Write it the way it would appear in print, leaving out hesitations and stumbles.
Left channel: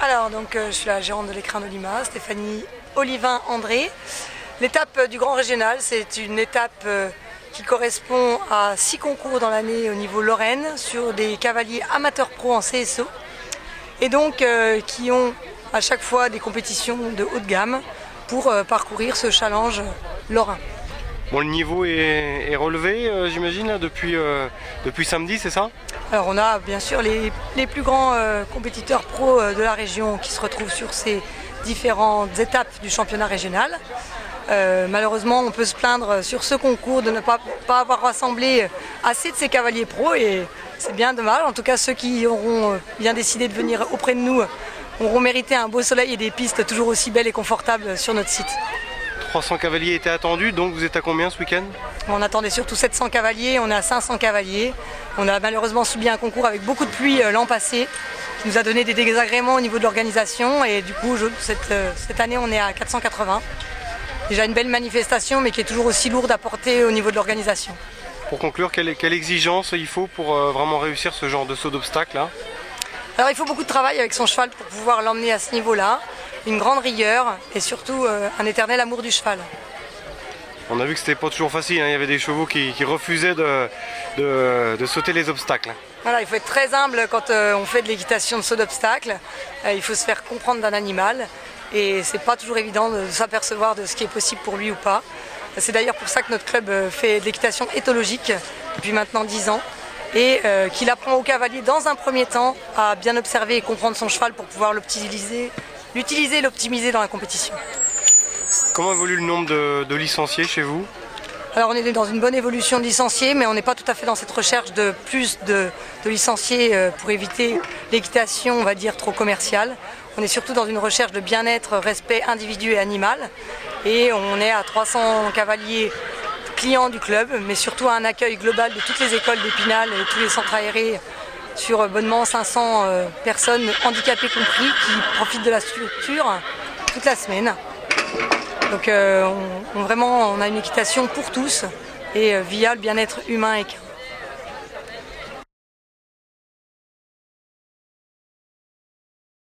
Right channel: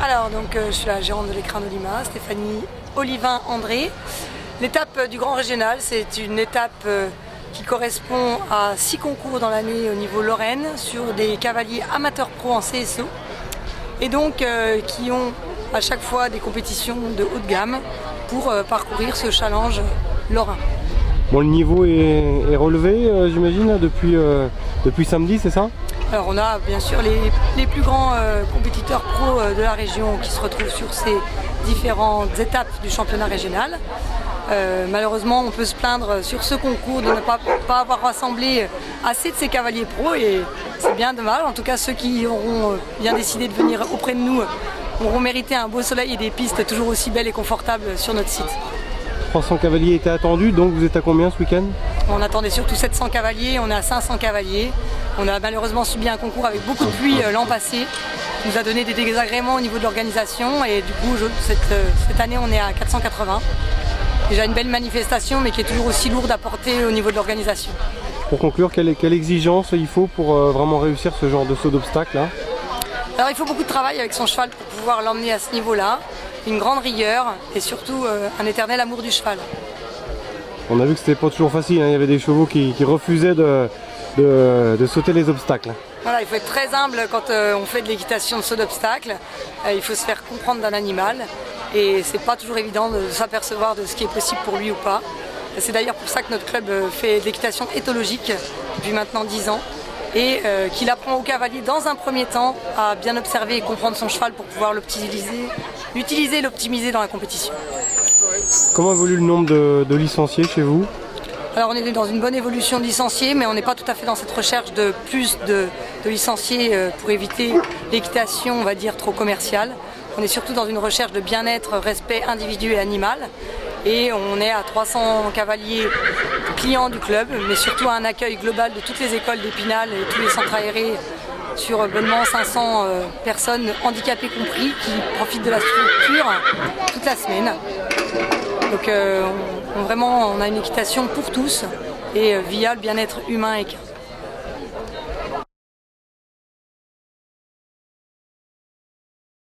Alors je suis la gérante de l'écrin d'Olima, Stéphanie Olivin-André. L'étape du Grand Régional, c'est une étape qui correspond à 6 concours dans l'année au niveau Lorraine sur des cavaliers amateurs pro en CSO et qui ont à chaque fois des compétitions de haut de gamme pour parcourir ce challenge lorrain. Bon, le niveau est relevé, j'imagine, depuis samedi, c'est ça? Alors on a bien sûr les plus grands compétiteurs pro de la région qui se retrouvent sur ces différentes étapes du championnat régional. Malheureusement, on peut se plaindre sur ce concours de ne pas avoir rassemblé assez de ces cavaliers pro et c'est bien dommage. En tout cas, ceux qui auront bien décidé de venir auprès de nous auront mérité un beau soleil et des pistes toujours aussi belles et confortables sur notre site. 300 cavaliers étaient attendus, donc vous êtes à combien ce week-end? On attendait surtout 700 cavaliers, on est à 500 cavaliers. On a malheureusement subi un concours avec beaucoup de pluie l'an passé, qui nous a donné des désagréments au niveau de l'organisation et du coup cette année on est à 480. Déjà une belle manifestation mais qui est toujours aussi lourde à porter au niveau de l'organisation. Pour conclure, quelle exigence il faut pour vraiment réussir ce genre de saut d'obstacle là? Alors il faut beaucoup de travail avec son cheval pour pouvoir l'emmener à ce niveau-là, une grande rigueur et surtout un éternel amour du cheval. On a vu que c'était pas toujours facile, hein. Il y avait des chevaux qui refusaient de sauter les obstacles. Voilà, il faut être très humble quand on fait de l'équitation de saut d'obstacle. Il faut se faire comprendre d'un animal et c'est pas toujours évident de s'apercevoir de ce qui est possible pour lui ou pas. C'est d'ailleurs pour ça que notre club fait de l'équitation éthologique depuis maintenant 10 ans et qu'il apprend au cavalier dans un premier temps à bien observer et comprendre son cheval pour pouvoir l'utiliser et l'optimiser dans la compétition. Comment évolue le nombre de licenciés chez vous? Alors on est dans une bonne évolution de licenciés, mais on n'est pas tout à fait dans cette recherche de plus de licenciés pour éviter l'équitation, on va dire, trop commerciale. On est surtout dans une recherche de bien-être, respect individu et animal. Et on est à 300 cavaliers clients du club, mais surtout à un accueil global de toutes les écoles d'Épinal et tous les centres aérés sur bonnement 500 personnes, handicapées compris, qui profitent de la structure toute la semaine. Donc on a une équitation pour tous et via le bien-être humain et équin.